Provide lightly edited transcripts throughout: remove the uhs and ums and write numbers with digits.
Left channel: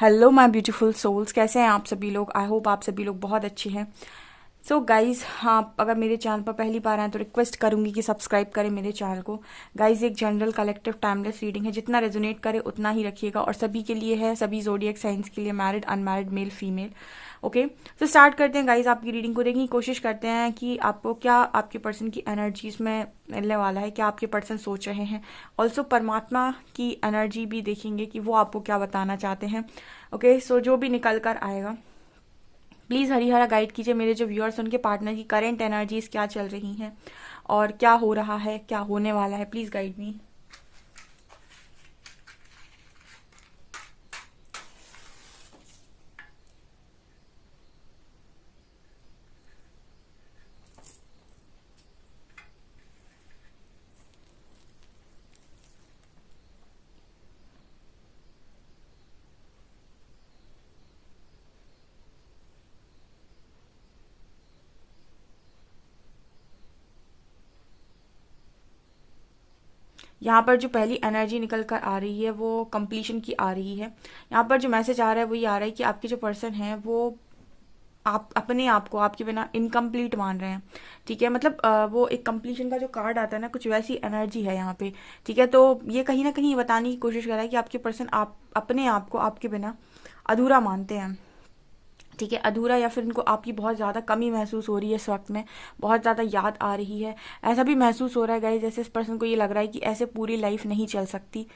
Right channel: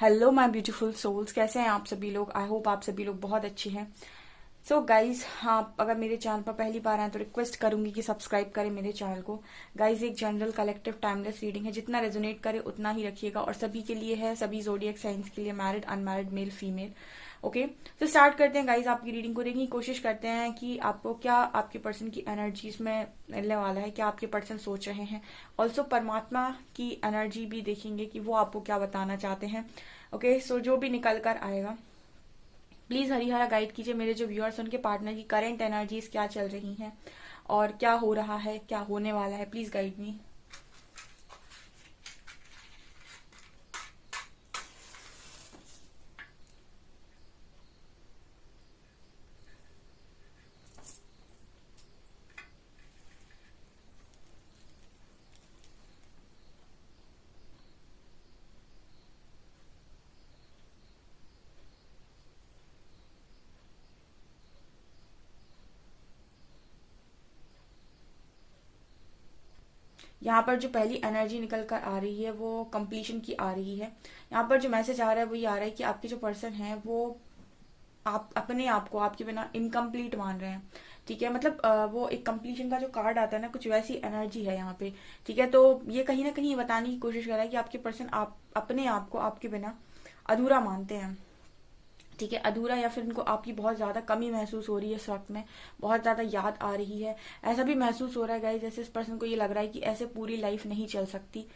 Hello my beautiful souls, कैसे हैं आप सभी लोग। आई होप आप सभी लोग बहुत अच्छे हैं। सो गाइज, हाँ, अगर मेरे चैनल पर पहली बार आए तो रिक्वेस्ट करूंगी कि सब्सक्राइब करें मेरे चैनल को। गाइज, एक जनरल कलेक्टिव टाइमलेस रीडिंग है, जितना रेजोनेट करे उतना ही रखिएगा और सभी के लिए है, सभी जोडियक साइंस के लिए, married unmarried male female. Okay, तो स्टार्ट करते हैं गाइज। आपकी रीडिंग को देखने की कोशिश करते हैं कि आपको क्या आपके पर्सन की एनर्जीज में मिलने वाला है, क्या आपके पर्सन सोच रहे हैं। ऑल्सो परमात्मा की एनर्जी भी देखेंगे कि वो आपको क्या बताना चाहते हैं। ओके, सो जो भी निकल कर आएगा प्लीज हरिहरा गाइड कीजिए मेरे जो व्यूअर्स, उनके पार्टनर की करंट एनर्जीज क्या चल रही हैं और क्या हो रहा है, क्या होने वाला है। Please guide me. यहाँ पर जो पहली एनर्जी निकल कर आ रही है वो कंप्लीशन की आ रही है। यहाँ पर जो मैसेज आ रहा है वो ये आ रहा है कि आपके जो पर्सन है वो आप अपने आप को आपके बिना इनकम्प्लीट मान रहे हैं। ठीक है, मतलब वो एक कंप्लीशन का जो कार्ड आता है ना, कुछ वैसी एनर्जी है यहाँ पे। ठीक है, तो ये कहीं ना कहीं ये बताने की कोशिश कर रहा है कि आपके पर्सन आप अपने आप को आपके बिना अधूरा मानते हैं। ठीक है, अधूरा, या फिर उनको आपकी बहुत ज़्यादा कमी महसूस हो रही है इस वक्त में, बहुत ज़्यादा याद आ रही है। ऐसा भी महसूस हो रहा है गाइस, जैसे इस पर्सन को ये लग रहा है कि ऐसे पूरी लाइफ नहीं चल सकती।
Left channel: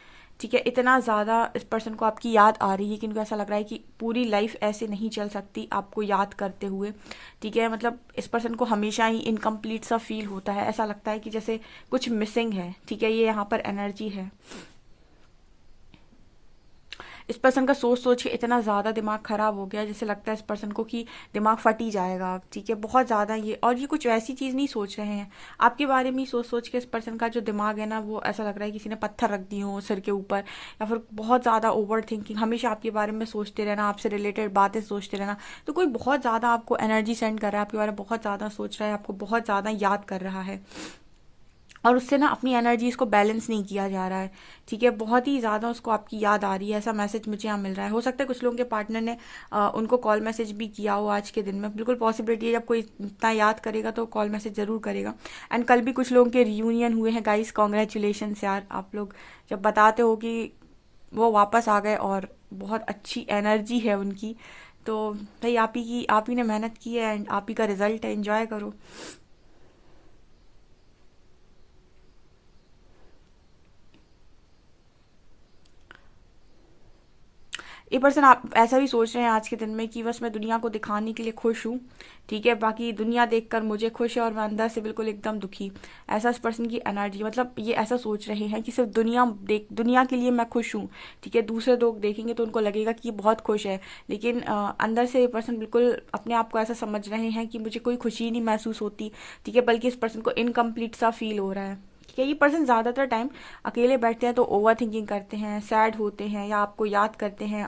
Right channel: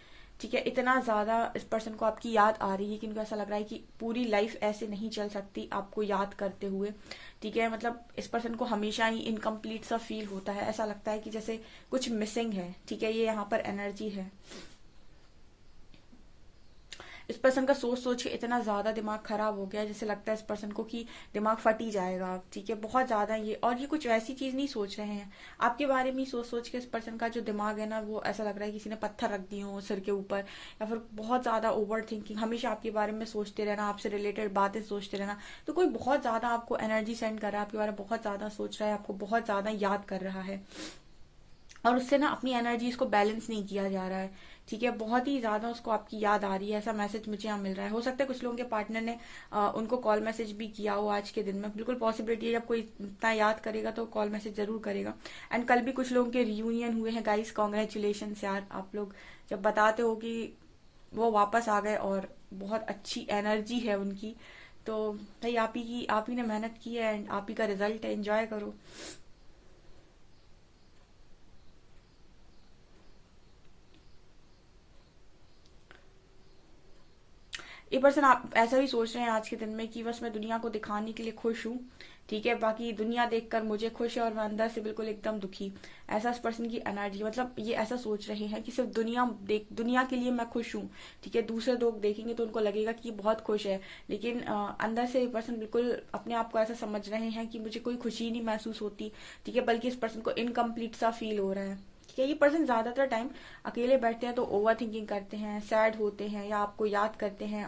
ठीक है, इतना ज़्यादा इस पर्सन को आपकी याद आ रही है कि इनको ऐसा लग रहा है कि पूरी लाइफ ऐसे नहीं चल सकती आपको याद करते हुए। ठीक है, मतलब इस पर्सन को हमेशा ही इनकम्प्लीट सा फील होता है, ऐसा लगता है कि जैसे कुछ मिसिंग है। ठीक है, ये यहाँ पर एनर्जी है। इस पर्सन का सोच सोच के इतना ज्यादा दिमाग खराब हो गया, जैसे लगता है इस पर्सन को कि दिमाग फट ही जाएगा। ठीक है, बहुत ज्यादा ये, और ये कुछ वैसी चीज नहीं सोच रहे हैं आपके बारे में ही सोच सोच के इस पर्सन का जो दिमाग है ना, वो ऐसा लग रहा है किसी ने पत्थर रख दिए हो सिर के ऊपर, या फिर बहुत ज्यादा ओवर थिंकिंग, हमेशा आपके बारे में सोचते रहना, आपसे रिलेटेड बातें सोचते रहना। तो कोई बहुत ज्यादा आपको एनर्जी सेंड कर रहा है, आपके बारे में बहुत ज्यादा सोच रहा है, आपको बहुत ज्यादा याद कर रहा है, और उससे ना अपनी एनर्जीज को बैलेंस नहीं किया जा रहा है। ठीक है, बहुत ही ज्यादा उसको आपकी याद आ रही है, ऐसा मैसेज मुझे यहाँ मिल रहा है। हो सकता है कुछ लोगों के पार्टनर ने उनको कॉल मैसेज भी किया हो आज के दिन में। बिल्कुल पॉसिबिलिटी है, जब कोई इतना याद करेगा तो कॉल मैसेज जरूर करेगा। एंड कल भी कुछ लोगों के रियूनियन हुए हैं गाइस, कॉन्ग्रेचुलेशन यार। आप लोग जब बताते हो कि वो वापस आ गए और बहुत अच्छी एनर्जी है उनकी, तो भाई आप ही ने मेहनत की है एंड आप ही का रिजल्ट है, एंजॉय करो। ये पर्सन आप ऐसा भी सोच रहे हैं आज के दिन में कि बस मैं दुनिया को दिखाने के लिए खुश हूँ। ठीक है, बाकी दुनिया देखकर मुझे खुश है और मैं अंदर से बिल्कुल एकदम दुखी। ऐसा इस पर्सन की एनर्जी, मतलब ये ऐसा सोच रहे हैं कि सिर्फ दुनिया के लिए मैं खुश हूँ। ठीक है, दूसरे लोग देखेंगे तो उनको लगेगा कि ये बहुत खुश है, लेकिन अंदर से ये पर्सन बिल्कुल अपने आप को ऐसा समझ रहे हैं कि मुझे कोई खुशी नहीं महसूस होती। ठीक है, बल्कि इस पर्सन को इनकम्प्लीट सा फील हो रहा है। ठीक है, ये पर्सन ज्यादातर टाइम अकेले बैठते हैं तो ओवर थिंकिंग करते हैं, सैड होते हैं, या आपको याद करते हैं,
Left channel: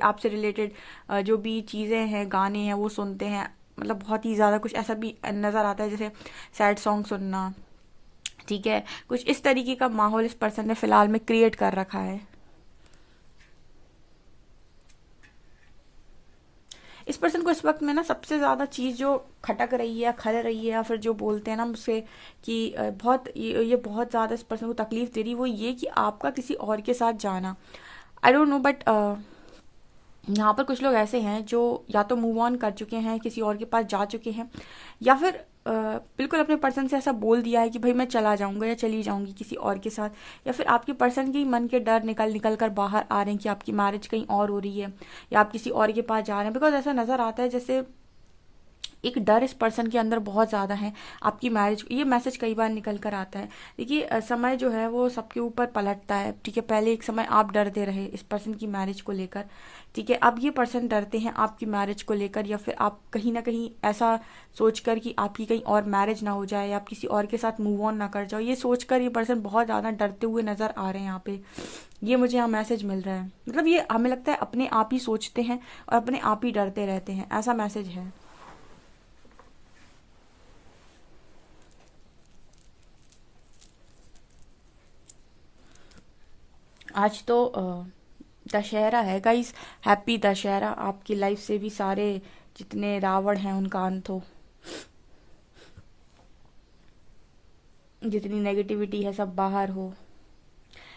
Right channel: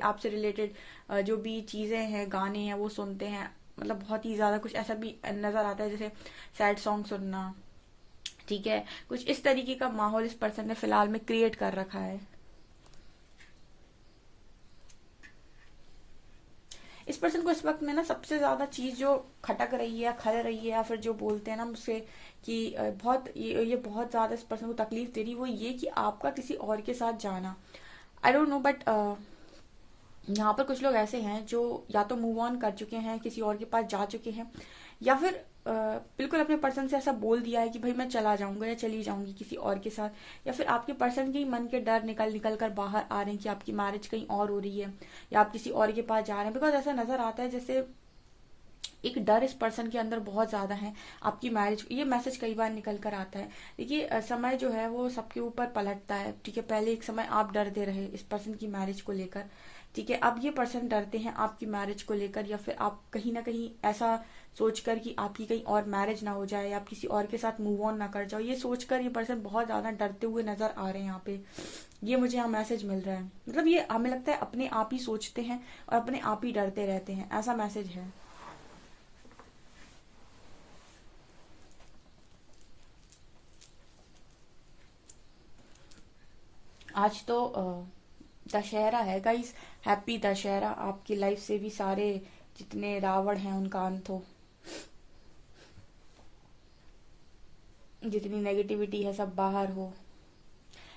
आपसे रिलेटेड जो भी चीजें हैं, गाने हैं, वो सुनते हैं। मतलब बहुत ही ज्यादा कुछ ऐसा भी नजर आता है, जैसे सैड सॉन्ग सुनना। ठीक है, कुछ इस तरीके का माहौल इस पर्सन ने फिलहाल में क्रिएट कर रखा है। इस पर्सन को इस वक्त में ना सबसे ज्यादा चीज जो खटक रही है, खल रही है, या फिर जो बोलते हैं ना मुझसे कि बहुत ये बहुत ज्यादा इस पर्सन को तकलीफ दे रही, वो ये कि आपका किसी और के साथ जाना। आई डोंट नो, बट यहाँ पर कुछ लोग ऐसे हैं जो या तो मूव ऑन कर चुके हैं, किसी और के पास जा चुके हैं, या फिर बिल्कुल अपने पर्सन से ऐसा बोल दिया है कि भाई मैं चला जाऊंगा या चली जाऊंगी किसी और के साथ। या फिर आपके पर्सन के ही मन के डर निकल निकल कर बाहर आ रहे हैं कि आपकी मैरिज कहीं और हो रही है, या आप किसी और के पास जा रहे हैं। बिकॉज ऐसा नजर आता है जैसे एक डर इस पर्सन के अंदर बहुत ज्यादा है आपकी मैरिज। ये मैसेज कई बार निकल कर आता है। देखिए, समय जो है वो सबके ऊपर पलटता है। ठीक है, पहले एक समय आप डरते रहे इस पर्सन की मैरिज को लेकर। ठीक है, अब ये पर्सन डरते हैं आपकी मैरिज को लेकर, या फिर आप कहीं ना कहीं ऐसा सोचकर कि आपकी कहीं और मैरिज ना हो जाए, या आप किसी और के साथ मूव ऑन ना कर जाओ, ये सोचकर ये पर्सन बहुत ज्यादा डरते हुए नजर आ रहे हैं यहाँ पे। ये मुझे यहाँ मैसेज मिल रहा है, मतलब ये हमें लगता है अपने आप ही सोचते हैं और अपने आप ही डरते रहते हैं, ऐसा मैसेज है। आज तो दशहरा है गाइस। हैप्पी दशहरा। आपकी लाइफ से भी सारे जितने रावण हैं उनका अंत हो, जितनी नेगेटिविटी है सब बाहर हो।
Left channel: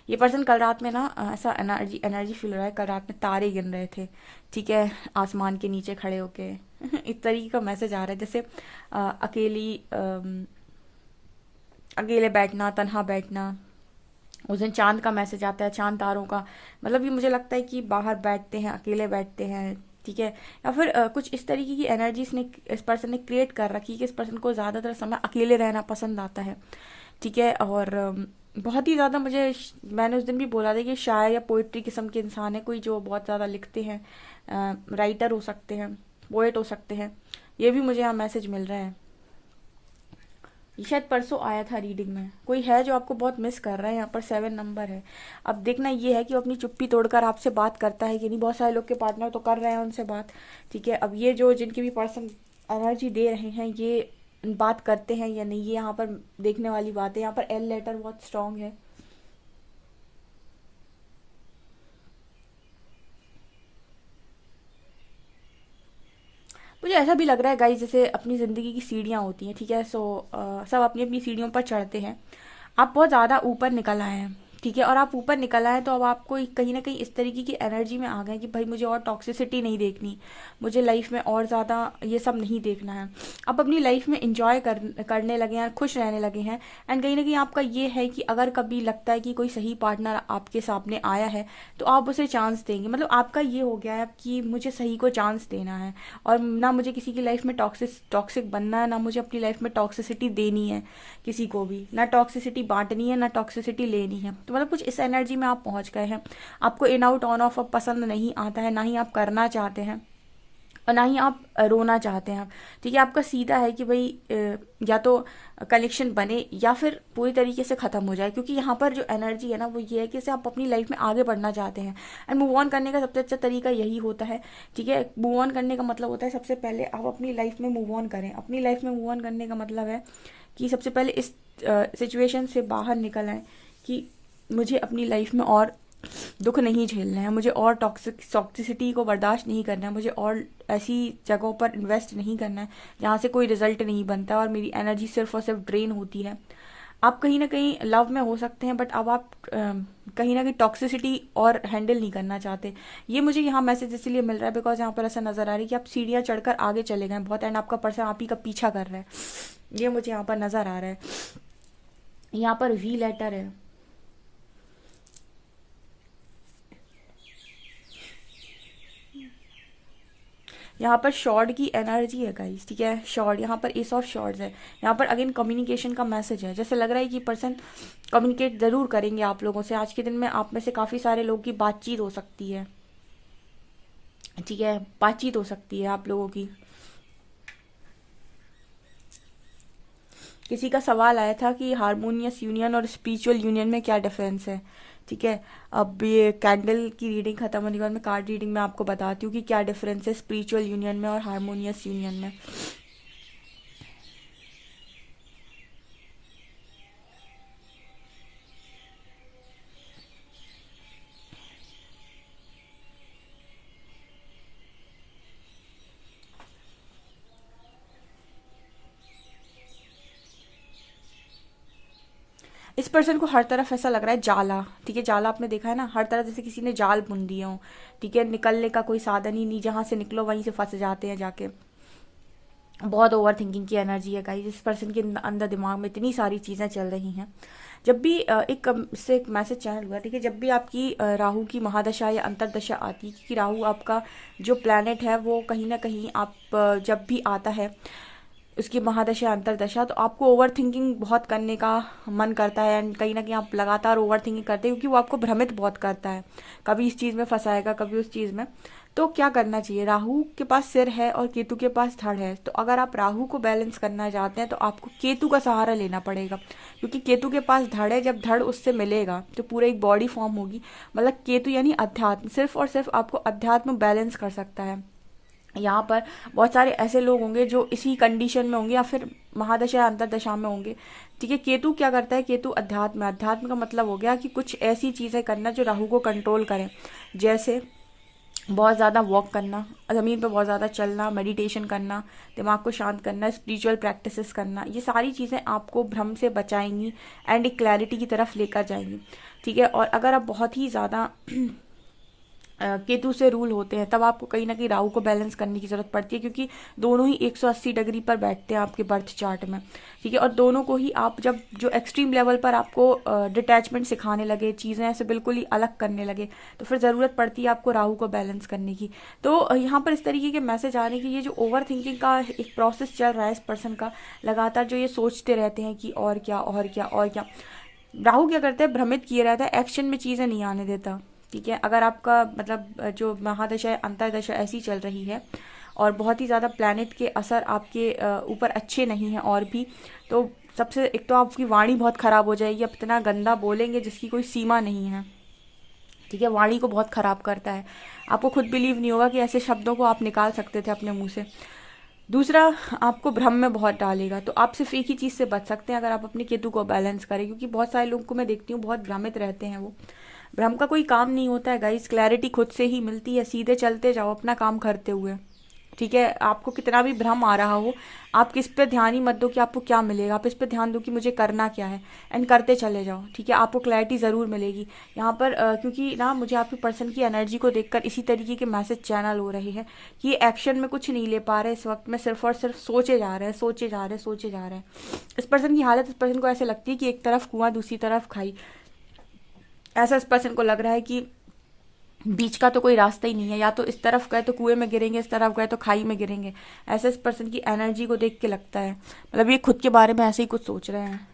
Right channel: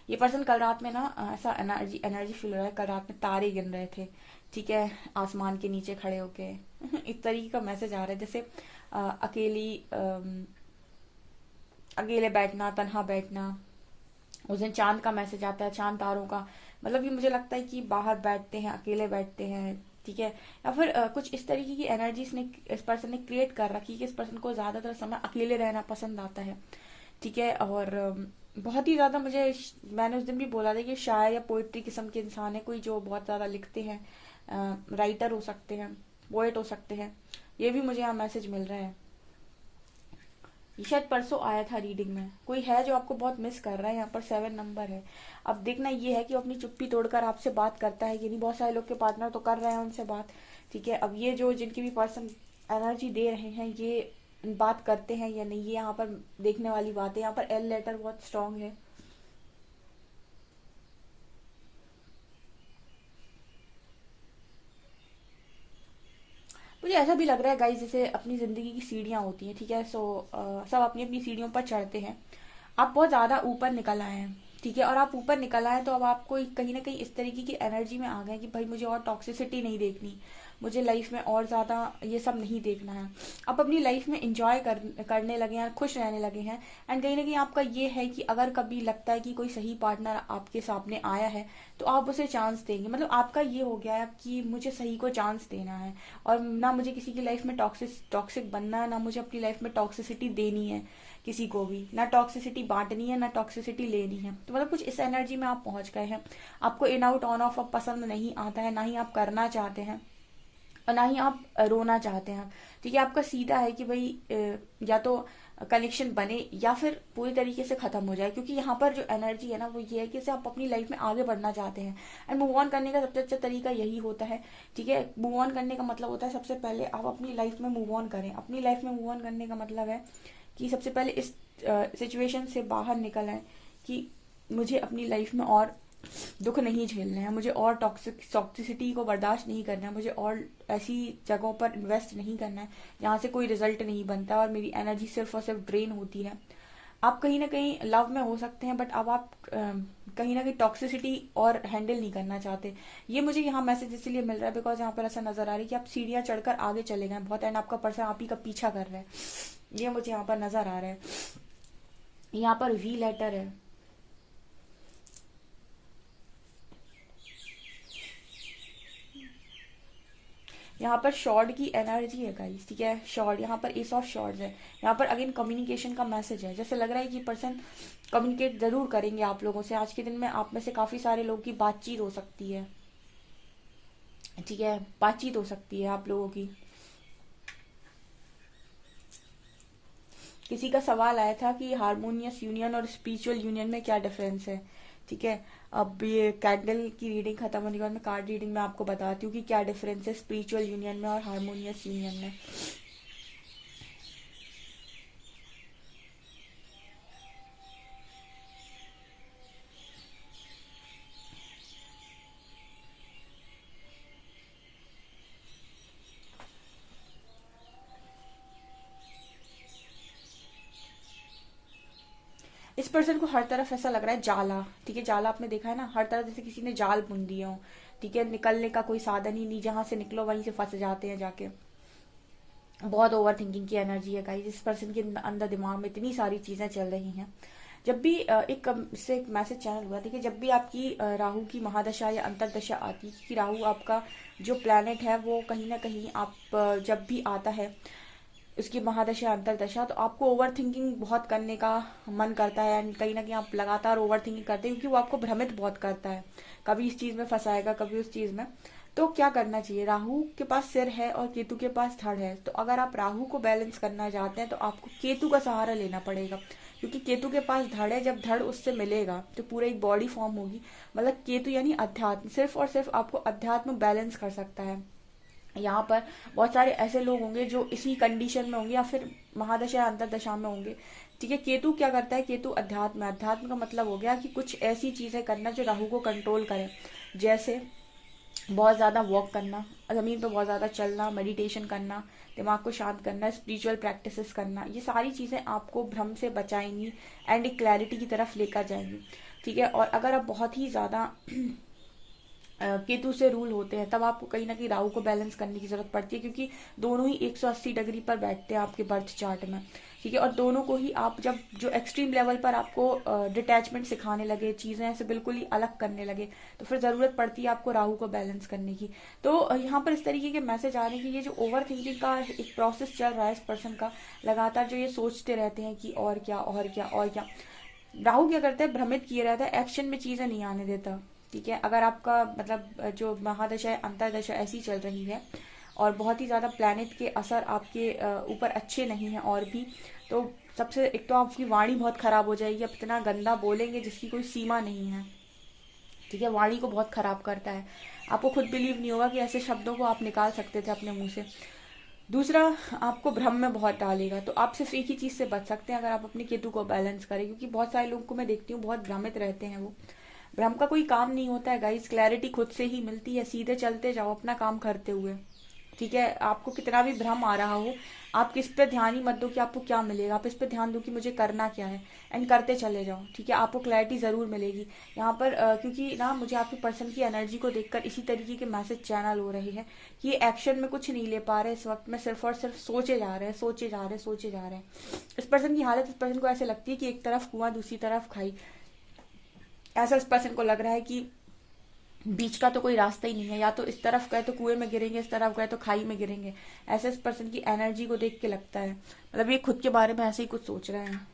ये पर्सन कल रात में ना ऐसा एनर्जी एनर्जी फील हो रहा है, कल रात में तारे गिन रहे थे, ठीक है, आसमान के नीचे खड़े होके। इस तरीके का मैसेज आ रहा है, जैसे अकेली अकेले बैठना, तन्हा बैठना। उस दिन चांद का मैसेज आता है, चांद तारों का। मतलब ये मुझे लगता है कि बाहर बैठते हैं, अकेले बैठते हैं, ठीक है। या फिर कुछ इस तरीके की एनर्जी इस पर्सन ने क्रिएट कर रखी है कि इस पर्सन को ज्यादातर समय अकेले रहना पसंद आता है, ठीक है। और बहुत ही ज्यादा मैंने उस दिन भी बोला था कि शायर या पोइट्री किस्म के इंसान है, कोई जो बहुत ज्यादा लिखते हैं, राइटर हो सकते हैं, पोएट हो सकते हैं। ये भी मुझे यहाँ मैसेज मिल रहा है। ये शायद परसों आया था रीडिंग में। कोई है जो आपको बहुत मिस कर रहा है, यहाँ पर 7 नंबर है। अब देखना ये है कि वो अपनी चुप्पी तोड़कर आपसे बात करता है कि नहीं। बहुत सारे लोग के पार्टनर तो कर रहे हैं उनसे बात, ठीक है। अब ये जो जिनके भी पर्सन एनर्जी दे रहे हैं, ये बात करते हैं या नहीं, ये यहाँ पर देखने वाली बात है। यहाँ पर एल लेटर बहुत स्ट्रांग है। मुझे ऐसा भी लग रहा है गाइस, जैसे अपनी जिंदगी की सीढ़ियां होती हैं, ठीक है। सब अपनी अपनी सीढ़ियों पर चढ़ते हैं। आप बहुत ज्यादा ऊपर निकल आए हैं, ठीक है। और आप ऊपर निकल आए तो अब आपको कहीं ना कहीं इस तरीके की एनर्जी में आ गए कि भाई मुझे और टॉक्सिसिटी नहीं देखनी, मुझे लाइफ में और ज्यादा ये सब नहीं देखना है। आप अपनी लाइफ में इंजॉय करने लगे हैं, खुश रहने लगे हैं। एंड कहीं ना कहीं आपका ये है कि अगर कभी लगता है कि कोई सही पार्टनर आपके सामने आया है तो आप उसे चांस देंगे। मतलब आपका ये हो गया है कि मुझे सही को चांस देना है, और ना मुझे किसी की लाइफ में टॉक्सिक बनना है, ना मुझे अपनी लाइफ में टॉक्सिसिटी देनी है किसी को भी, ना टॉक्सिसिटी बांटनी है, ना टॉक्सिसिटी लेनी है। तो मतलब कुछ इस एनर्जी में आप पहुंच गए हैं। आपको इन आउट ऑन ऑफ अब पसंद नहीं आता है, ना ही आप करना चाहते हैं, और ना ही आप रोना चाहते हैं। ठीक है, आपका सीधा है कि भाई या तो कनेक्शन बने या फिर पूरी तरीके से खत्म हो जाए। क्योंकि यहाँ पर जो एनर्जी है ना वो ये है कि जैसे आप अपनी लाइफ में आगे बढ़ना चाहते हैं, एंड मूव ऑन करने का सबसे अच्छा तरीका यही होता है। ठीक है, मूव ऑन करने का मतलब होता है सबसे पहले आप अपनी लाइफ में मूव ऑन करें। अपनी लाइफ में मूव ऑन करने का मतलब है कि सबसे पहले इस सिचुएशन से बाहर निकल आए कि मुझे अपनी लाइफ में और दुख नहीं झेलना है, मुझे और टॉक्सिसिटी को बर्दाश्त नहीं करना है, मुझे और ऐसी जगहों पर इन्वेस्ट नहीं करना है जहाँ से कोई रिजल्ट नहीं बनता और मेरी एनर्जी सिर्फ और सिर्फ ड्रेन होती है। आप कहीं ना कहीं लव में हो सकते हैं, बट अब आप कहीं ना कहीं टॉक्सिसिटी और हैंडल नहीं करना चाहते। ये मुझे यहाँ मैसेज इसलिए मिल रहा है बिकॉज यहाँ पर ऐसा नजर आ रही है कि आप सीढ़ियां चढ़कर आगे चले गए बहुत, एंड आपका पर्सन आप ही का पीछा कर रहा है। ये मुझे यहाँ पर नजर आ रहा है। यहाँ पर वी लेटर है। यहाँ पर शॉर्ड की एनर्जी है गाइस, ठीक है। शॉर्ड, यहाँ पर एस ऑफ शॉर्ड्स है। यहाँ पर अगेन कम्युनिकेशन का मैसेज है। जैसे लग रहा है कि पर्सन कम्युनिकेट जरूर करेंगे आप लोगों से। आज के दिन में आप में से काफी सारे लोगों की बातचीत हो सकती है, ठीक है, बातचीत हो सकती है आप लोगों की। किसी का सवाल आया था कि हारमोनियस यूनियन और स्पिरिचुअल यूनियन में क्या डिफरेंस है, ठीक है। अब ये कैंडल की रीडिंग खत्म होने के बाद मैं कार्ड रीडिंग में आपको बताती हूँ कि क्या डिफरेंस है स्पिरिचुअल यूनियन में और हारमोनियस यूनियन में। इस पर्सन को हर तरफ ऐसा लग रहा है जाला, ठीक है। जाला आपने देखा है ना, हर तरफ जैसे किसी ने जाल बुन दिए हो, ठीक है। निकलने का कोई साधन ही नहीं, जहां से निकलो वहीं से फंस जाते हैं जाके। बहुत ओवर थिंकिंग की एनर्जी है गाइस। इस पर्सन के अंदर दिमाग में इतनी सारी चीजें चल रही हैं। जब भी इससे एक मैसेज चैनल हुआ, ठीक है, जब भी आपकी राहु की महादशा या अंतरदशा आती है, क्योंकि राहु आपका जो प्लैनेट है वो कहीं ना कहीं आप जब भी आता है उसकी महादशा अंतरदशा, तो आपको ओवर थिंकिंग बहुत करने का मन करता है। एंड कहीं ना कहीं आप लगातार ओवर थिंकिंग करते हैं क्योंकि वो आपको भ्रमित बहुत करता है। कभी इस चीज में फंसाएगा, कभी उस चीज में। तो क्या करना चाहिए, राहु के पास सिर है और केतु के पास धड़ है। तो अगर आप राहु को बैलेंस करना चाहते हैं तो आपको केतु का सहारा लेना पड़ेगा, क्योंकि केतु के पास धड़ है। जब धड़ उससे मिलेगा तो पूरा एक बॉडी फॉर्म होगी। मतलब केतु यानी अध्यात्म, सिर्फ और सिर्फ आपको अध्यात्म बैलेंस कर सकता है। यहाँ पर बहुत सारे ऐसे लोग होंगे जो इसी कंडीशन में होंगे या फिर महादशा या अंतरदशा में होंगे, ठीक है। केतु क्या करता है, केतु अध्यात्म, अध्यात्म का मतलब हो गया कि कुछ ऐसी चीजें करना जो राहु को कंट्रोल करें। जैसे बहुत ज़्यादा वॉक करना, ज़मीन पर बहुत ज़्यादा चलना, मेडिटेशन करना, दिमाग को शांत करना, स्पिरिचुअल प्रैक्टिसेस करना, ये सारी चीज़ें आपको भ्रम से बचाएंगी एंड एक क्लैरिटी की तरफ लेकर जाएंगी। ठीक है। और अगर आप बहुत ही ज़्यादा केतु से रूल होते हैं, तब आपको कहीं ना कहीं राहु को बैलेंस करने की जरूरत पड़ती है, क्योंकि दोनों ही 180 डिग्री पर बैठते हैं आपके बर्थ चार्ट में। ठीक है। और दोनों को ही आप जब जो एक्सट्रीम लेवल पर आपको डिटैचमेंट सिखाने लगे, चीजें ऐसे बिल्कुल ही अलग करने लगे, तो फिर जरूरत पड़ती है आपको राहु को बैलेंस करने की। तो यहाँ पर इस तरीके के मैसेज आ रहे हैं कि ये जो ओवर थिंकिंग का एक प्रोसेस चल रहा है इस पर्सन का, लगातार जो ये सोचते रहते हैं कि और क्या और क्या और क्या, राहु क्या करते हैं, भ्रमित किए रहता है, एक्शन में चीजें नहीं आने देता। ठीक है। अगर आपका मतलब जो महादशा है, अंतरदशा ऐसी चल रही है और बहुत ही ज्यादा प्लैनेट के असर आपके ऊपर अच्छे नहीं है और भी, तो सबसे एक तो आपकी वाणी बहुत खराब हो जाएगी, आप इतना गंदा बोलेंगे जिसकी कोई सीमा नहीं है। ठीक है। वाणी को बहुत खराब करता है, आपको खुद बिलीव नहीं होगा कि ऐसे शब्दों को आप निकाल सकते थे अपने मुंह से। दूसरा, आपको भ्रम में बहुत डालेगा। तो आप सिर्फ एक ही चीज से बच सकते हैं अगर आप अपने केतु को बैलेंस करें, क्योंकि बहुत सारे लोगों को मैं देखती हूँ बहुत भ्रमित रहते हैं वो। भ्रम का कोई काम नहीं होता है गाइस, क्लैरिटी खुद से ही मिलती है, सीधे चलते जाओ अपना काम करते हुए। ठीक है। आपको कितना भी भ्रम आ रहा हो, आप किस पे ध्यान ही मत दो कि आपको क्या मिलेगा, आप इस पे ध्यान दो कि मुझे करना क्या है, एंड करते चले जाओ। ठीक है। आपको क्लैरिटी जरूर मिलेगी यहाँ पर, क्योंकि ना मुझे आपके पर्सन की एनर्जी को देखकर इसी तरीके के मैसेज चैनल हो रहे हैं कि ये एक्शन में कुछ नहीं ले पा रहे इस वक्त में, सिर्फ और सिर्फ सोचे जा रहे हैं, सोचे जा रहे हैं, सोचे जा रहे हैं। इस पर्सन की हालत, इस पर्सन को ऐसे लगती है कि एक तरफ कुआं दूसरी तरफ खाई। ऐसा इस पर्सन को लग रहा है कि बीच का तो कोई रास्ता ही नहीं है, या तो इस तरफ गए तो कुएं में गिरेंगे, इस तरफ गए तो खाई में गिरेंगे। ऐसा इस पर्सन की एनर्जी को देख के लगता है, मतलब ये खुद के बारे में ऐसे ही कुछ सोच रहे हैं।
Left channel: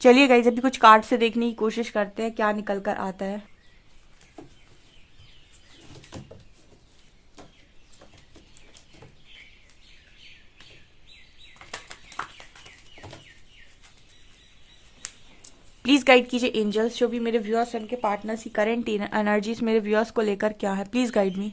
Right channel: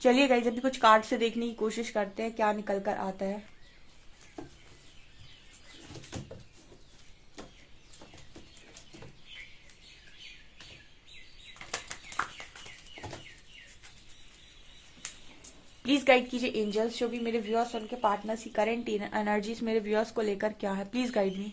चलिए गाइस, अभी कुछ कार्ड से देखने की कोशिश करते हैं क्या निकल कर आता है। प्लीज गाइड कीजिए एंजल्स, जो भी मेरे व्यूअर्स हैं उनके पार्टनर्स की करंट एनर्जीज मेरे व्यूअर्स को लेकर क्या है, please guide me.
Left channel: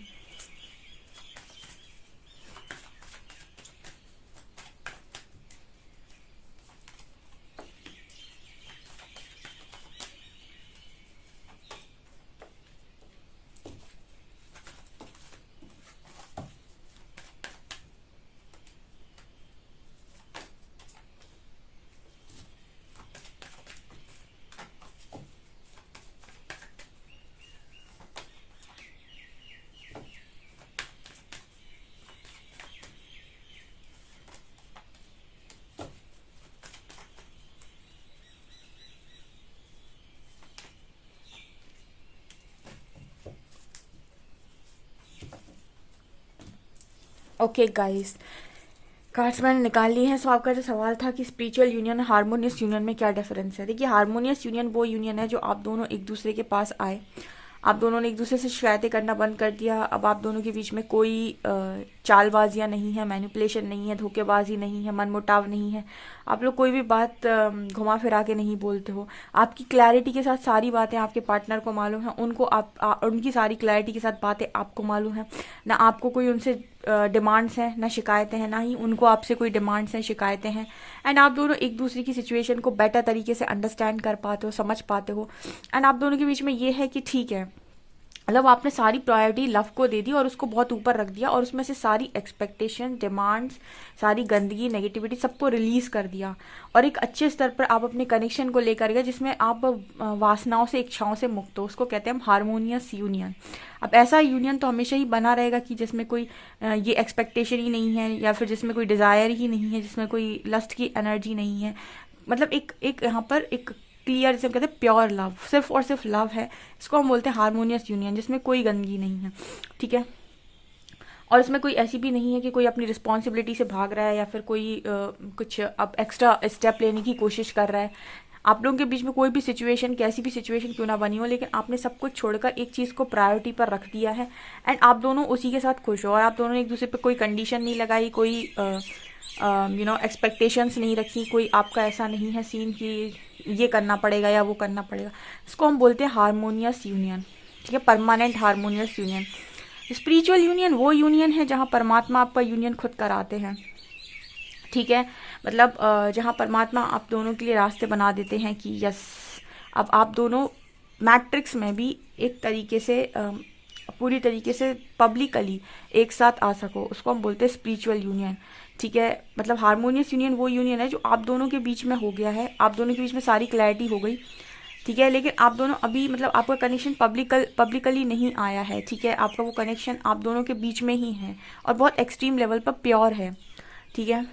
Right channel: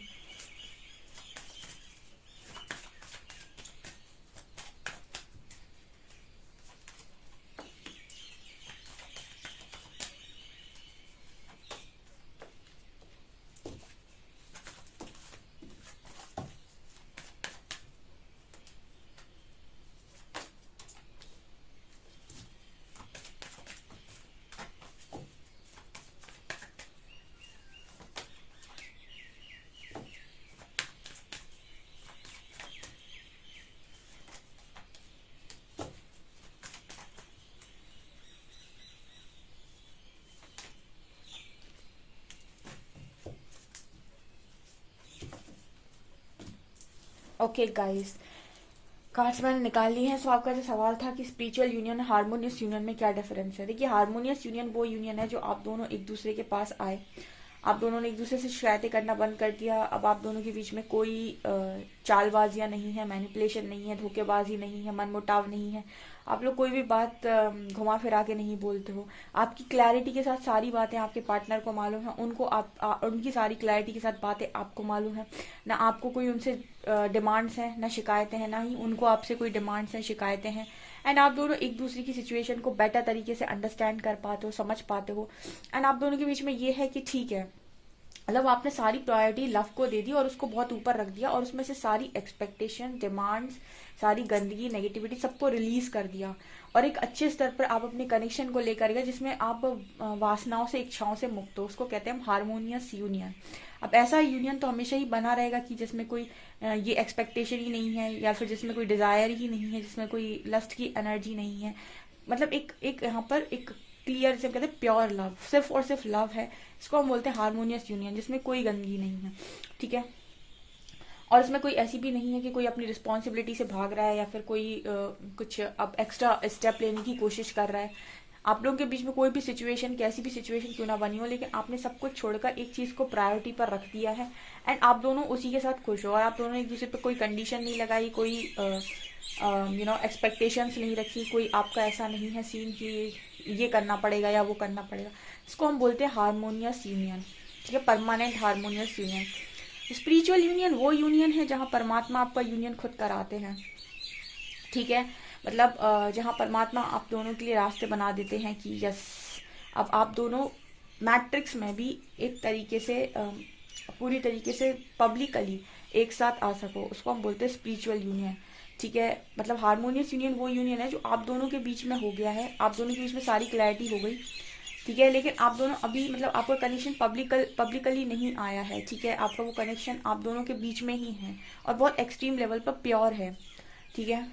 Okay guys, cards मैंने निकाल ली है। सो आपका जो सवाल था कि स्पिरिचुअल यूनियन हार्मोनियस यूनियन में क्या डिफरेंस है, देखिए हार्मोनियस यूनियन वो यूनियन है जो आप दोनों एक दूसरे के पास आए, आप दोनों ने एक दूसरे से शिकायतें करना बंद कर दिया, अब आप दोनों के बीच में कोई चालबाजियां नहीं है, मैनिपुलेशन नहीं है, धोखेबाजी नहीं है, मनमुटाव नहीं है, आप लोग कोई भी बात घुमा फिरा के नहीं बोलते हो, आपकी क्लैरिटी के साथ सारी बातें आपके पार्टनर को मालूम है, उनको उनकी सारी क्लैरिटी के साथ बातें आपको मालूम है, ना आपको कोई उनसे डिमांड्स हैं ना शिकायतें हैं, ना ही उनको आपसे कोई डिमांड्स हैं शिकायतें हैं, एंड आप दोनों एक दूसरे की सिचुएशन को बेटर तरीके से अंडरस्टैंड कर पाते हो, समझ पाते हो, एंड आप दोनों के बीच में ये है कि ठीक है, मतलब आपने सारी प्रायोरिटी लव को दे दी और उसको बहुत ऊपर रख दिया, और उसमें से सारी एक्सपेक्टेशन, डिमांड्स, सारी गंदगी, नेगेटिविटी सबको रिलीज कर दिया, और एक अच्छे स्तर पर आप अपने कनेक्शन को लेकर गए जिसमें आप वासनाओं से, इच्छाओं से मुक्त हो। उसको कहते हैं हम हार्मोनियस यूनियन। अब ऐसा यूनियन तो हमेशा ही बना रहेगा कि जिसमें कोई ये एक्सपेक्टेशन ही नहीं है, या फिर जिसमें कोई डिजायर ही नहीं है, जिसमें कोई लस्ट की एनर्जी नहीं है, मतलब एक यहाँ पर एक क्लियर, जिसे कहते हैं प्योर लव, सिर्फ और सिर्फ लव है, इसको हम बोलते हैं हार्मोनियस यूनियन, जिसमें कोई गंदगी नहीं है। ठीक है। और इसमें कोई ऐसी भी नहीं है कि कोई अपनी रिस्पॉन्सिबिलिटी से भाग रहा है, या फिर कोई कुछ अब एक्स्ट्रा स्टेप लेने की कोशिश कर रहा है। आप लोगों के बीच में कोई भी सिचुएशन, कैसी भी सिचुएशन क्यों ना बनी हो, लेकिन आपने सब कुछ छोड़कर एक चीज को प्रायोरिटी पर रख दिया है एंड आप दोनों उसी के साथ खुश हो। और आप दोनों ने एक दूसरे पे कोई कंडीशन नहीं लगाई, कोई एक्सपेक्टेशंस नहीं रखी, कोई आपका ऐसा नहीं है सीन कि ये करना पड़ेगा या वो करना पड़ेगा। इसको हम बोलते हैं हारमोनियस यूनियन, ठीक है, permanent harmonious union. Spiritual union वो यूनियन है जहाँ परमात्मा आपका यूनियन खुद कराते हैं, ठीक है, मतलब जहाँ परमात्मा आप दोनों के लिए रास्ते बना देते हैं कि यस अब आप दोनों मैट्रिक्स में भी एक तरीके से पूरी तरीके से पब्लिकली एक साथ आ सको। उसको हम बोलते हैं स्पिरिचुअल यूनियन, ठीक है। मतलब हारमोनियस यूनियन वो यूनियन है जो आप दोनों के बीच में हो गया है, आप दोनों के बीच में सारी क्लैरिटी हो गई, ठीक है, लेकिन आप दोनों अभी मतलब आपका कनेक्शन पब्लिकली नहीं आया है, ठीक है, आपका वो कनेक्शन आप दोनों के बीच में ही है और बहुत एक्सट्रीम लेवल पर प्योर है, ठीक है।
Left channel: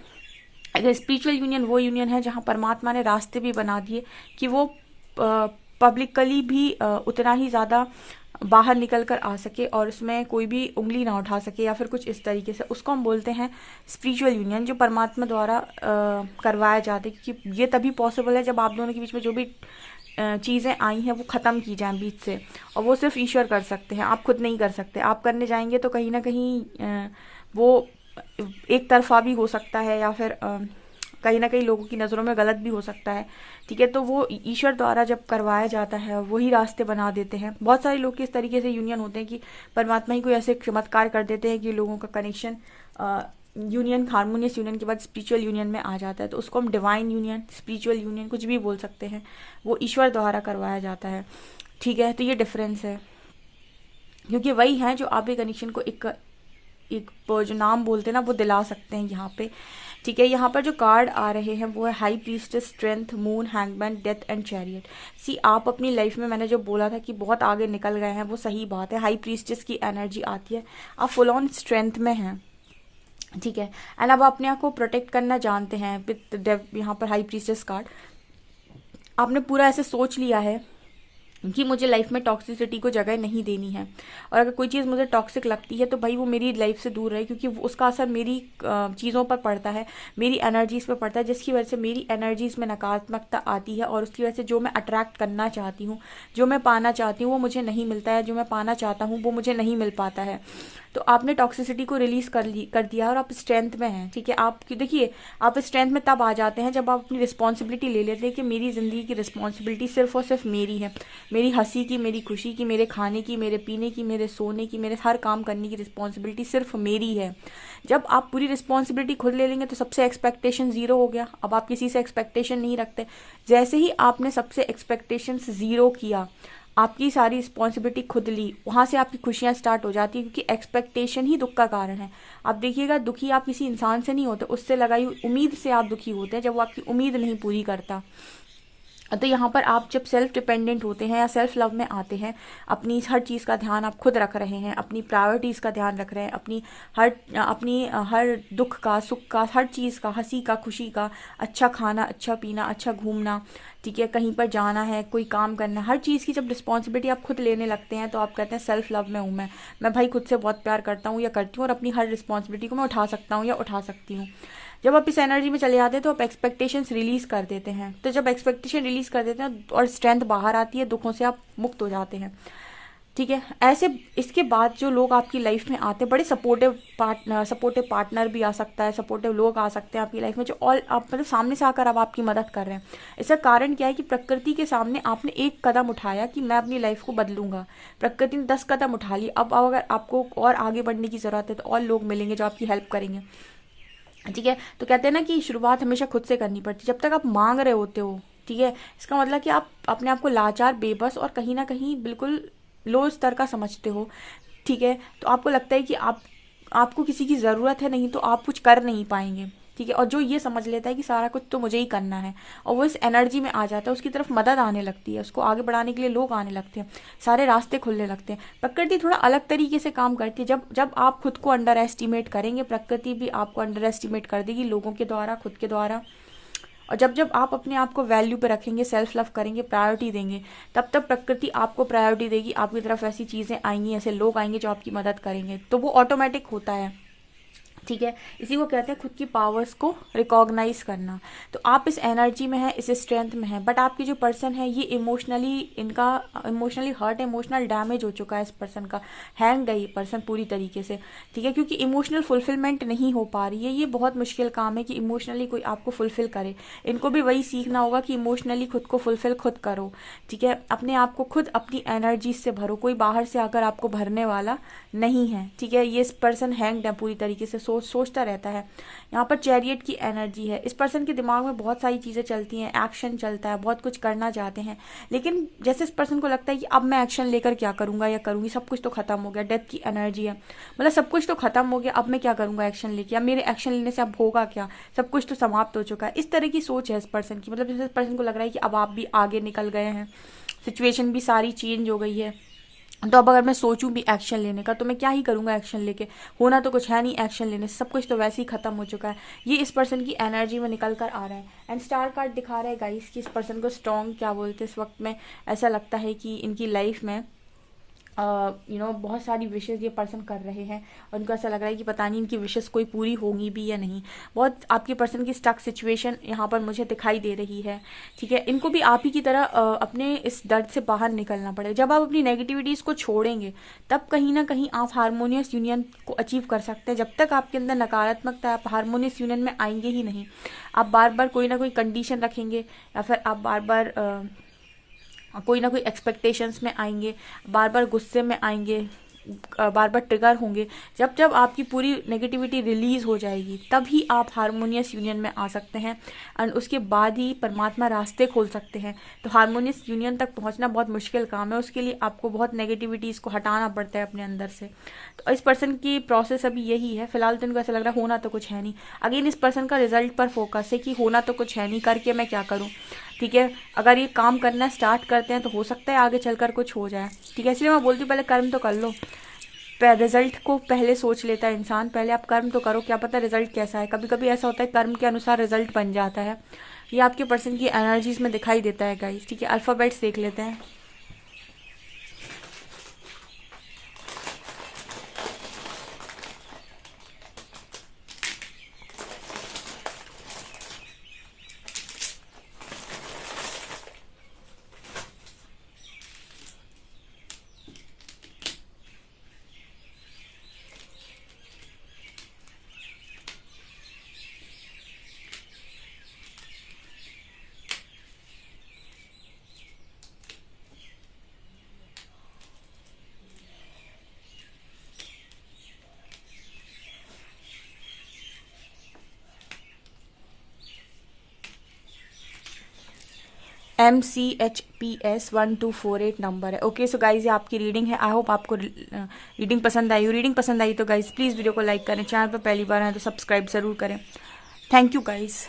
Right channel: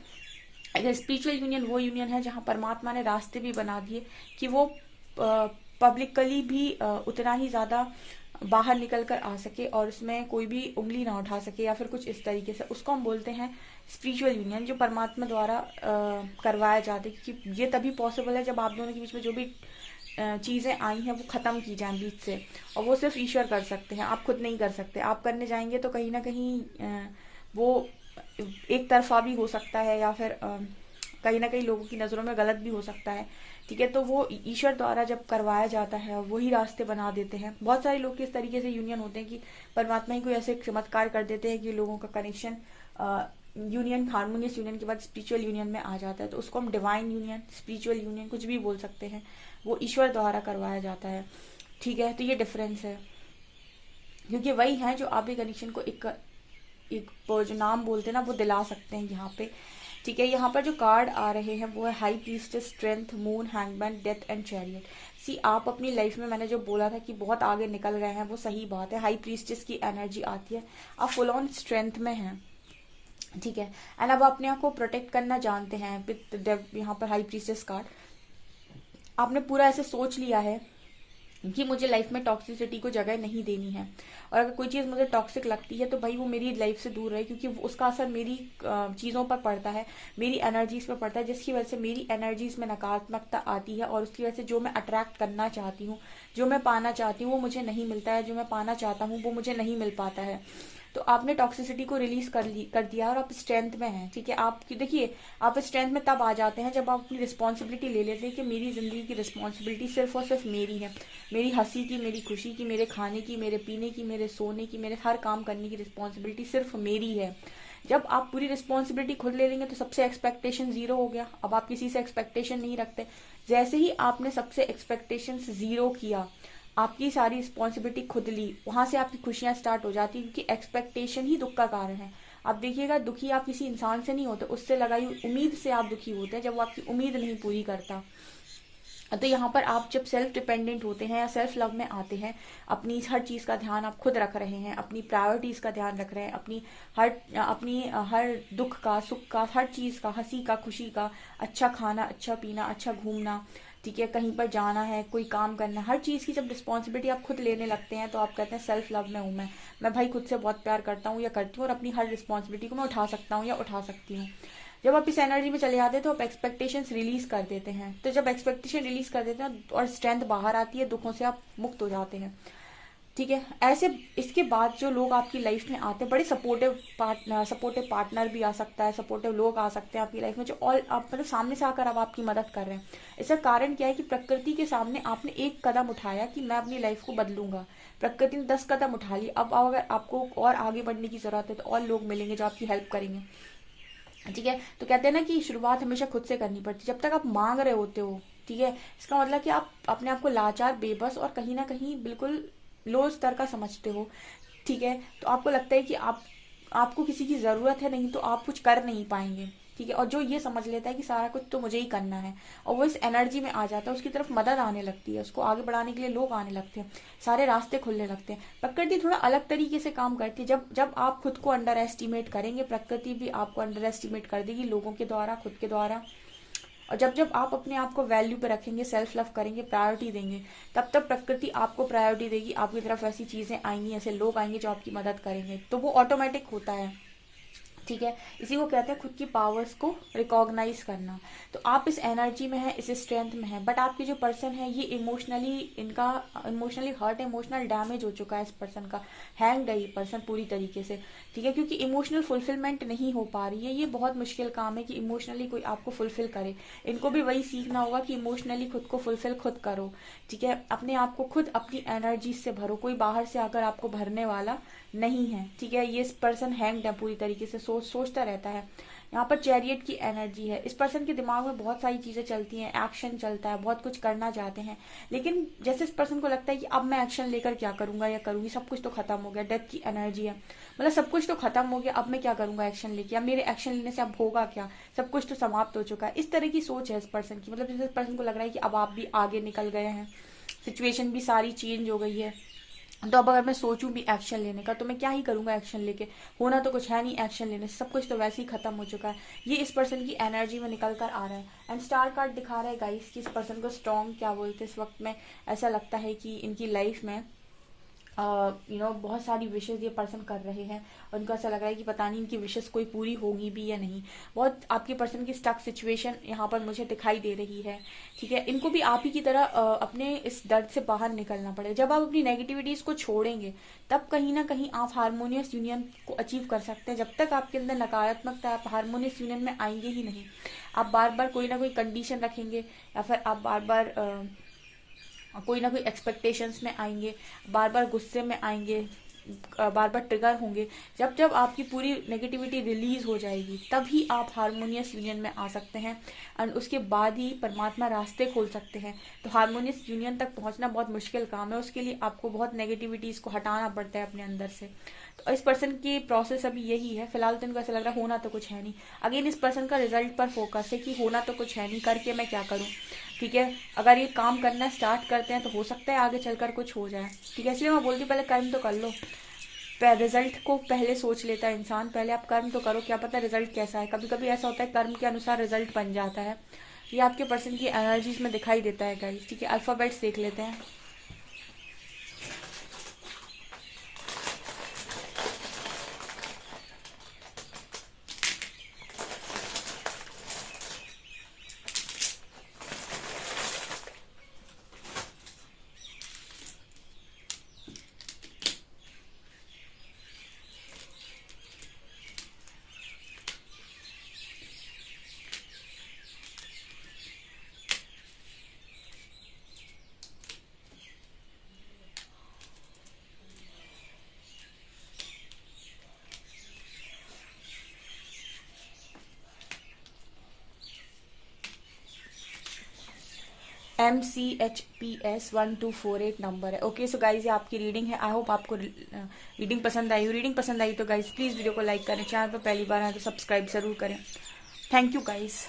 अगर स्पिरिचुअल यूनियन वो यूनियन है जहाँ परमात्मा ने रास्ते भी बना दिए कि वो पब्लिकली भी उतना ही ज़्यादा बाहर निकल कर आ सके और उसमें कोई भी उंगली ना उठा सके या फिर कुछ इस तरीके से। उसको हम बोलते हैं स्पिरिचुअल यूनियन, जो परमात्मा द्वारा करवाया जाता है, क्योंकि ये तभी पॉसिबल है जब आप दोनों के बीच में जो भी चीज़ें आई हैं वो ख़त्म की जाएं बीच से, और वो सिर्फ ईश्वर कर सकते हैं, आप खुद नहीं कर सकते। आप करने जाएंगे तो कहीं ना कहीं वो एक तरफा भी हो सकता है या फिर कहीं ना कहीं लोगों की नज़रों में गलत भी हो सकता है, ठीक है। तो वो ईश्वर द्वारा जब करवाया जाता है वही रास्ते बना देते हैं। बहुत सारे लोग इस तरीके से यूनियन होते हैं कि परमात्मा ही कोई ऐसे चमत्कार कर देते हैं कि लोगों का कनेक्शन यूनियन, हारमोनियस यूनियन के बाद स्पिरिचुअल यूनियन में आ जाता है। तो उसको हम डिवाइन यूनियन, स्पिरिचुअल यूनियन कुछ भी बोल सकते हैं, वो ईश्वर द्वारा करवाया जाता है, ठीक है। तो ये डिफरेंस है, क्योंकि वही है जो आपके कनेक्शन को एक जो नाम बोलते हैं ना वो दिला सकते हैं यहाँ पे, ठीक है। यहाँ पर जो कार्ड आ रहे हैं वो है high priestess, strength, moon, hangman, death and chariot. See आप अपनी लाइफ में मैंने जो बोला था कि बहुत आगे निकल गए हैं वो सही बात है। हाई प्रीस्टेस की एनर्जी आती है, आप फुल ऑन स्ट्रेंथ में हैं, ठीक है, एंड अब अपने आप को प्रोटेक्ट करना जानते हैं विद यहाँ पर हाई प्रीस्टेस कार्ड। आपने पूरा ऐसे सोच लिया है कि मुझे लाइफ में टॉक्सिसिटी को जगह नहीं देनी है, और अगर कोई चीज़ मुझे टॉक्सिक लगती है तो भाई वो मेरी लाइफ से दूर रहे, क्योंकि उसका असर मेरी चीज़ों पर पड़ता है, मेरी एनर्जीज पर पड़ता है, जिसकी वजह से मेरी एनर्जीज में नकारात्मकता आती है और उसकी वजह से जो मैं अट्रैक्ट करना चाहती हूँ, जो मैं पाना चाहती हूँ वो मुझे नहीं मिलता है, जो मैं पाना चाहता हूँ वो मुझे नहीं मिल पाता है। तो आपने टॉक्सिसिटी को रिलीज कर दिया और आप स्ट्रेंथ में हैं, ठीक है। आप देखिए आप स्ट्रेंथ में तब आ जाते हैं जब आप अपनी रिस्पॉन्सिबिलिटी ले लेते हैं कि मेरी जिंदगी की रिस्पॉन्सिबिलिटी सिर्फ और सिर्फ मेरी है, मेरी हंसी की, मेरी खुशी की, मेरे खाने की, मेरे पीने की, मेरे सोने की, मेरे हर काम करने की रिस्पॉन्सिबिलिटी सिर्फ मेरी है। जब आप पूरी रिस्पॉन्सिबिलिटी खुद ले लेंगे तो सबसे एक्सपेक्टेशन जीरो हो गया, अब आप किसी से एक्सपेक्टेशन नहीं रखते। जैसे ही आपने सबसे एक्सपेक्टेशन जीरो किया, आपकी सारी रिस्पॉन्सिबिलिटी खुद ली, वहां से आपकी खुशियां स्टार्ट हो जाती है, क्योंकि एक्सपेक्टेशन ही दुख का कारण है। आप देखिएगा दुखी आप किसी इंसान से नहीं होते, उससे लगाई उम्मीद से आप दुखी होते हैं, जब वो आपकी उम्मीद नहीं पूरी करता। तो यहाँ पर आप जब सेल्फ डिपेंडेंट होते हैं या सेल्फ लव में आते हैं, अपनी हर चीज़ का ध्यान आप खुद रख रहे हैं, अपनी प्रायोरिटीज़ का ध्यान रख रहे हैं, अपनी हर दुख का, सुख का, हर चीज़ का, हंसी का, खुशी का, अच्छा खाना, अच्छा पीना, अच्छा घूमना, ठीक है, कहीं पर जाना है, कोई काम करना, हर चीज़ की जब रिस्पॉन्सिबिलिटी आप खुद लेने लगते हैं तो आप कहते हैं सेल्फ लव में हूँ मैं भाई खुद से बहुत प्यार करता हूँ या करती हूँ और अपनी हर रिस्पॉन्सिबिलिटी को मैं उठा सकता हूँ या उठा सकती हूँ। जब आप इस एनर्जी में चले जाते हैं तो आप एक्सपेक्टेशंस रिलीज कर देते हैं। तो जब एक्सपेक्टेशन रिलीज कर देते हैं और स्ट्रेंथ बाहर आती है, दुखों से आप मुक्त हो जाते हैं, ठीक है। ऐसे इसके बाद जो लोग आपकी लाइफ में आते हैं, बड़े सपोर्टिव पार्टनर भी आ सकता है, सपोर्टिव लोग आ सकते हैं आपकी लाइफ में जो ऑल आप मतलब सामने से आकर अब आपकी मदद कर रहे हैं। इसका कारण क्या है कि प्रकृति के सामने आपने एक कदम उठाया कि मैं अपनी लाइफ को बदलूंगा, प्रकृति ने 10 कदम उठा लिए। अब अगर आपको और आगे बढ़ने की जरूरत है तो और लोग मिलेंगे जो आपकी हेल्प करेंगे, ठीक है। तो कहते हैं ना कि शुरुआत हमेशा खुद से करनी पड़ती है। जब तक आप मांग रहे होते हो, ठीक है, इसका मतलब कि आप अपने आप को लाचार, बेबस और कहीं ना कहीं बिल्कुल लो स्तर का समझते हो, ठीक है। तो आपको लगता है कि आपको किसी की जरूरत है, नहीं तो आप कुछ कर नहीं पाएंगे, ठीक है। और जो ये समझ लेता है कि सारा कुछ तो मुझे ही करना है और वो इस एनर्जी में आ जाता है, उसकी तरफ मदद आने लगती है, उसको आगे बढ़ाने के लिए लोग आने लगते हैं, सारे रास्ते खुलने लगते हैं। प्रकृति थोड़ा अलग तरीके से काम करती है। जब आप खुद को अंडर एस्टिमेट करेंगे, प्रकृति भी आपको अंडर एस्टिमेट कर देगी, लोगों के द्वारा, खुद के द्वारा। और जब आप अपने आप को वैल्यू पे रखेंगे, सेल्फ लव करेंगे, प्रायोरिटी देंगे, तब प्रकृति आपको प्रायोरिटी देगी, आपकी तरफ ऐसी चीजें आएंगी, ऐसे लोग आएंगे जो आपकी मदद करेंगे। तो वो ऑटोमेटिक होता है, ठीक है, इसी को कहते हैं खुद की पावर्स को रिकॉग्नाइज करना। तो आप इस एनर्जी में है, इस स्ट्रेंथ में है, बट आपकी जो पर्सन है ये इमोशनली, इनका इमोशनली हर्ट, इमोशनल डैमेज हो चुका है इस पर्सन का, हैंग्ड है ये पर्सन पूरी तरीके से। ठीक है, क्योंकि इमोशनल फुलफिलमेंट नहीं हो पा रही है। ये बहुत मुश्किल काम है कि इमोशनली कोई आपको फुलफिल करे। इनको भी वही सीखना होगा कि इमोशनली खुद को फुलफिल खुद करो। ठीक है, अपने आप को खुद अपनी एनर्जी से भरो, कोई बाहर से आकर आपको भरने वाला नहीं है। ठीक है, ये पर्सन हैंग्ड है पूरी तरीके से, सोचता रहता है। यहाँ पर चैरियट की एनर्जी है। इस पर्सन के दिमाग में बहुत सारी चीजें चलती हैं, एक्शन चलता है, बहुत कुछ करना चाहते हैं, लेकिन जैसे इस पर्सन को लगता है कि अब मैं एक्शन लेकर क्या करूंगा या करूंगी, सब कुछ तो खत्म हो गया। डेथ की एनर्जी है, मतलब सब कुछ तो खत्म हो गया, अब मैं क्या करूंगा एक्शन लेके, अब मेरे एक्शन लेने से अब होगा क्या, सब कुछ तो समाप्त हो चुका है। इस तरह की सोच है इस पर्सन की। मतलब जैसे इस पर्सन को लग रहा है कि अब आप भी आगे निकल गए हैं, सिचुएशन भी सारी चेंज हो गई है, तो अब अगर मैं सोचूं भी एक्शन लेने का तो मैं क्या ही करूंगा एक्शन लेके, होना तो कुछ है नहीं एक्शन लेने से, सब कुछ तो वैसे ही खत्म हो चुका है। ये इस पर्सन की एनर्जी में निकल कर आ रहा है। एंड स्टार कार्ड दिखा रहा है गाइस कि इस पर्सन को स्ट्रॉन्ग क्या बोलते हैं इस वक्त में। ऐसा लगता है कि इनकी लाइफ में बहुत सारी विशेष ये पर्सन कर रहे हैं, और उनको ऐसा लग रहा है कि पता नहीं इनकी विशेष कोई पूरी होंगी भी या नहीं। बहुत आपके पर्सन की स्टक सिचुएशन यहाँ पर मुझे दिखाई दे रही है। ठीक है, इनको भी आप ही की तरह अपने इस दर्द से बाहर निकलना पड़ेगा। जब आप अपनी नेगेटिविटीज को छोड़ेंगे तब कहीं ना कहीं आप हारमोनियस यूनियन को अचीव कर सकते हैं। जब तक आपके अंदर नकारात्मकता, आप हारमोनियस यूनियन में आएंगे ही नहीं। आप बार बार कोई ना कोई कंडीशन रखेंगे, या फिर आप बार बार कोई ना कोई एक्सपेक्टेशंस में आएंगे, बार बार गुस्से में आएंगे, बार बार ट्रिगर होंगे। जब जब आपकी पूरी नेगेटिविटी रिलीज हो जाएगी तभी आप हारमोनियस यूनियन में आ सकते हैं, एंड उसके बाद ही परमात्मा रास्ते खोल सकते हैं। तो हारमोनियस यूनियन तक पहुंचना बहुत मुश्किल काम है, उसके लिए आपको बहुत नेगेटिविटीज को हटाना पड़ता है अपने अंदर से। तो इस पर्सन की प्रोसेस अभी यही है। फिलहाल तो इनको ऐसा लग रहा है होना तो कुछ है नहीं। अगेन इस पर्सन का रिजल्ट पर फोकस है कि होना तो कुछ है नहीं, करके मैं क्या करूं। ठीक है, अगर ये काम करना स्टार्ट करते हैं तो हो सकता है आगे चलकर कुछ हो जाए। ठीक है, इसलिए मैं बोलती हूँ पहले कर्म तो कर लो। रिजल्ट को पहले सोच लेता है इंसान, पहले आप कर्म तो करो, क्या पता रिजल्ट कैसा है। कभी कभी ऐसा होता है कर्म के अनुसार रिजल्ट बन जाता है। ये आपके पर्सन की एनर्जीज में दिखाई देता है गाइस। ठीक है, अल्फाबेट्स देख लेते हैं। MCHPS1248 नंबर है। ओके सो गाइज ये आपकी रीडिंग है। आई होप आपको रीडिंग पसंद आई हो। रीडिंग पसंद आई तो गाइज प्लीज़ वीडियो को लाइक करें, चैनल पर पहली बार है तो सब्सक्राइब जरूर करें। Thank you guys.